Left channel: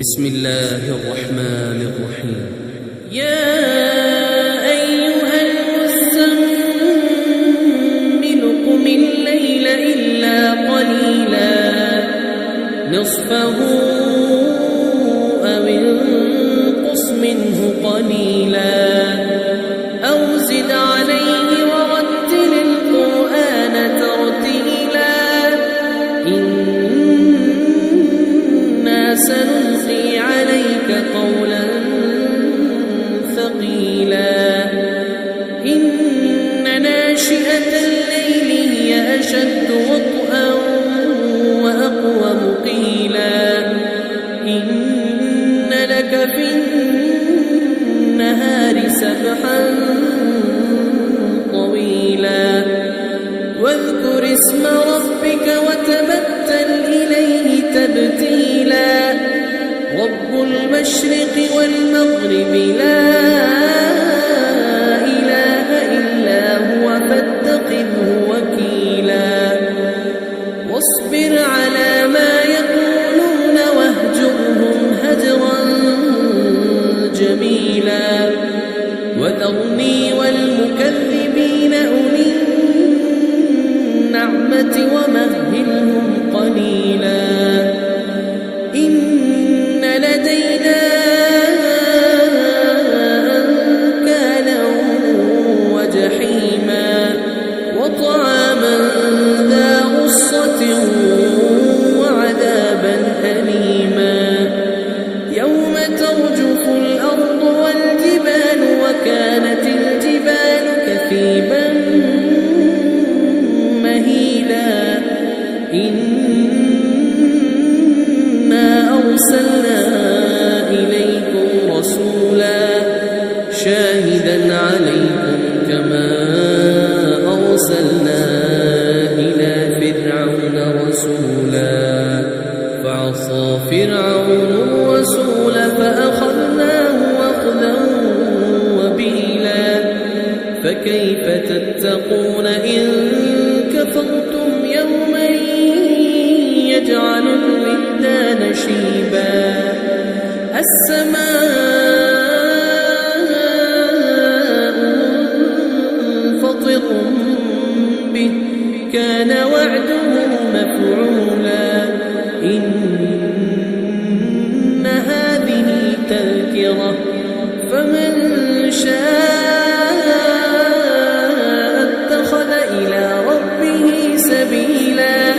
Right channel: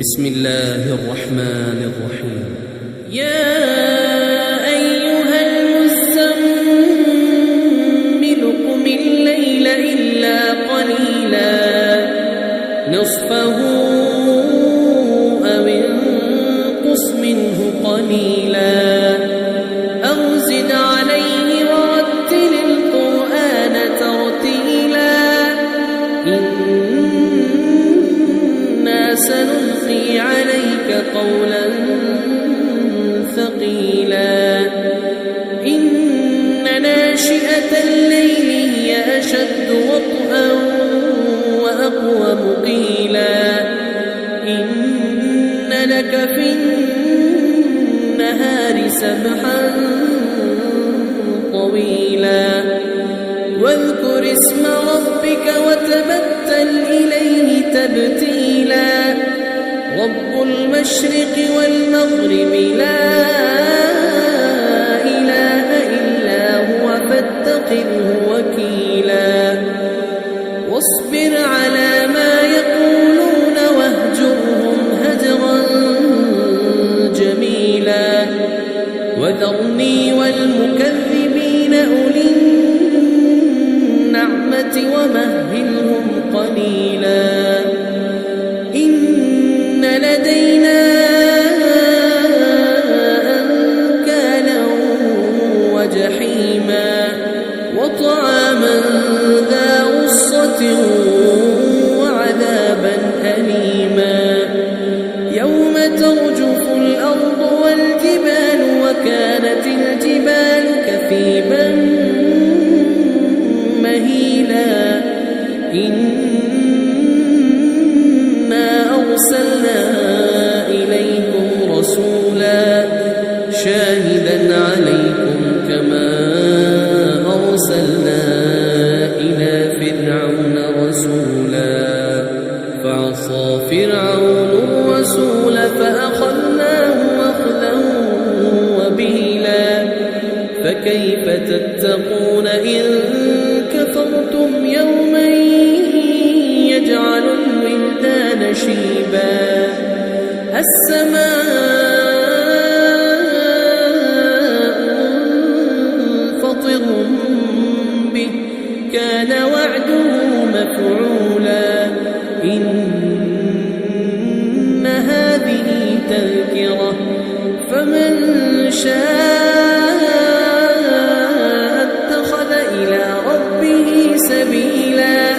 بسم الله الرحمن الرحيم. يا أيها المزمل قم الليل إلا قليلا نصفه أو انقص منه قليلا أو زد عليه ورتل القرآن ترتيلا إنا سنلقي عليك قولا ثقيلا إن ناشئة الليل هي أشد وطئا وأقوم قيلا إن لك في النهار سبحا طويلا واذكر اسم ربك وتبتل إليه تبتيلا رب المشرق والمغرب لا إله إلا هو فاتخذه وكيلا واصبر على ما يقولون واهجرهم هجرا جميلا وذرني والمكذبين أولي النعمة ومهلهم قليلا إن لدينا أنكالا وجحيما وطعاما ذا غصة وعذابا أليما يوم ترجف الأرض والجبال وكانت الجبال كثيبا مهيلا إنا أرسلنا إليكم رسولا شاهدا عليكم كما أرسلنا إلى فرعون رسولا فعصى فرعون الرسول فأخذناه أخذا وبيلا فكيف تتقون إن كفرتم يوما يجعل الولدان شيبا السماء منفطر به كان وعده مفعولا إن هذه تذكرة فمن شاء اتخذ إلى ربه سبيلا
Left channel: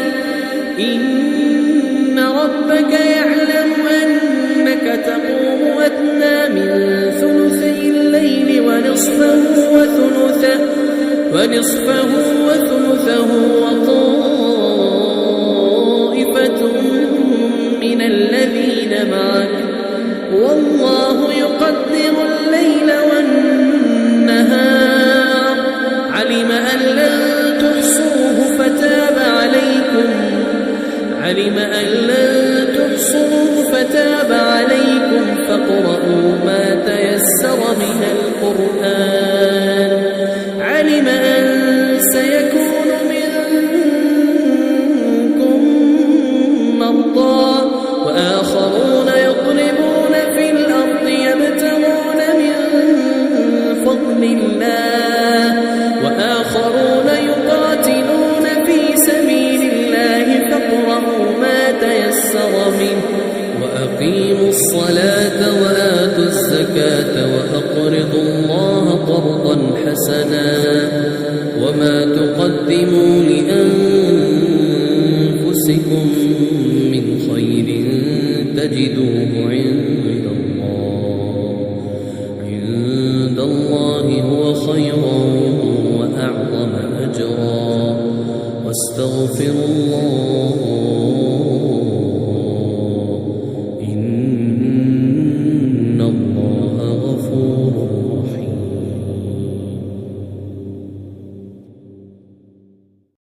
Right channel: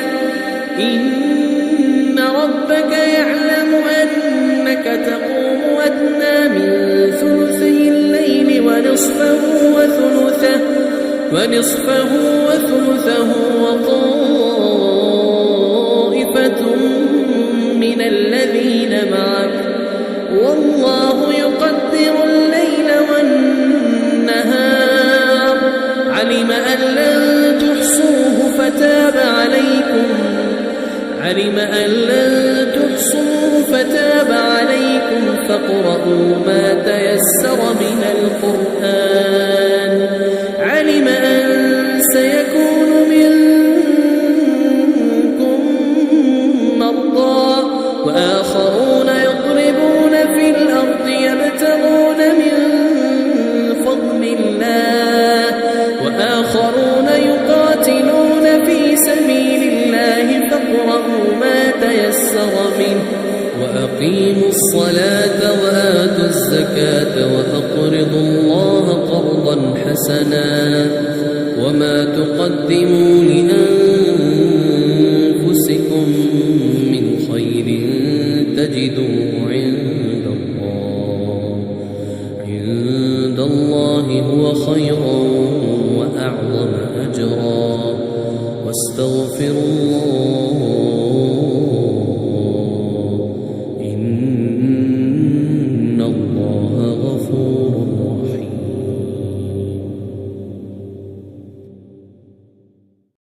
إن ربك يعلم أنك تقوم أدنى من ثلثي الليل ونصفه وثلثه وطائفة من الذين معك والله يقدر الليل والنهار علم أن لن تحصوه فتاب عليكم فاقرؤوا ما تيسر من القرآن علم أن سيكون منكم مرضى وآخرون يضربون في الأرض يبتغون من فضل الله وآخرون يقاتلون في سبيل الله فاقرؤوا ما تيسر منه وأقيموا الصلاة وآتوا الزكاة وأقرضوا الله قرضا حسنا وما تقدموا لأنفسكم من خير تجدوه عند الله هو خيرا وأعظم أجرا واستغفروا الله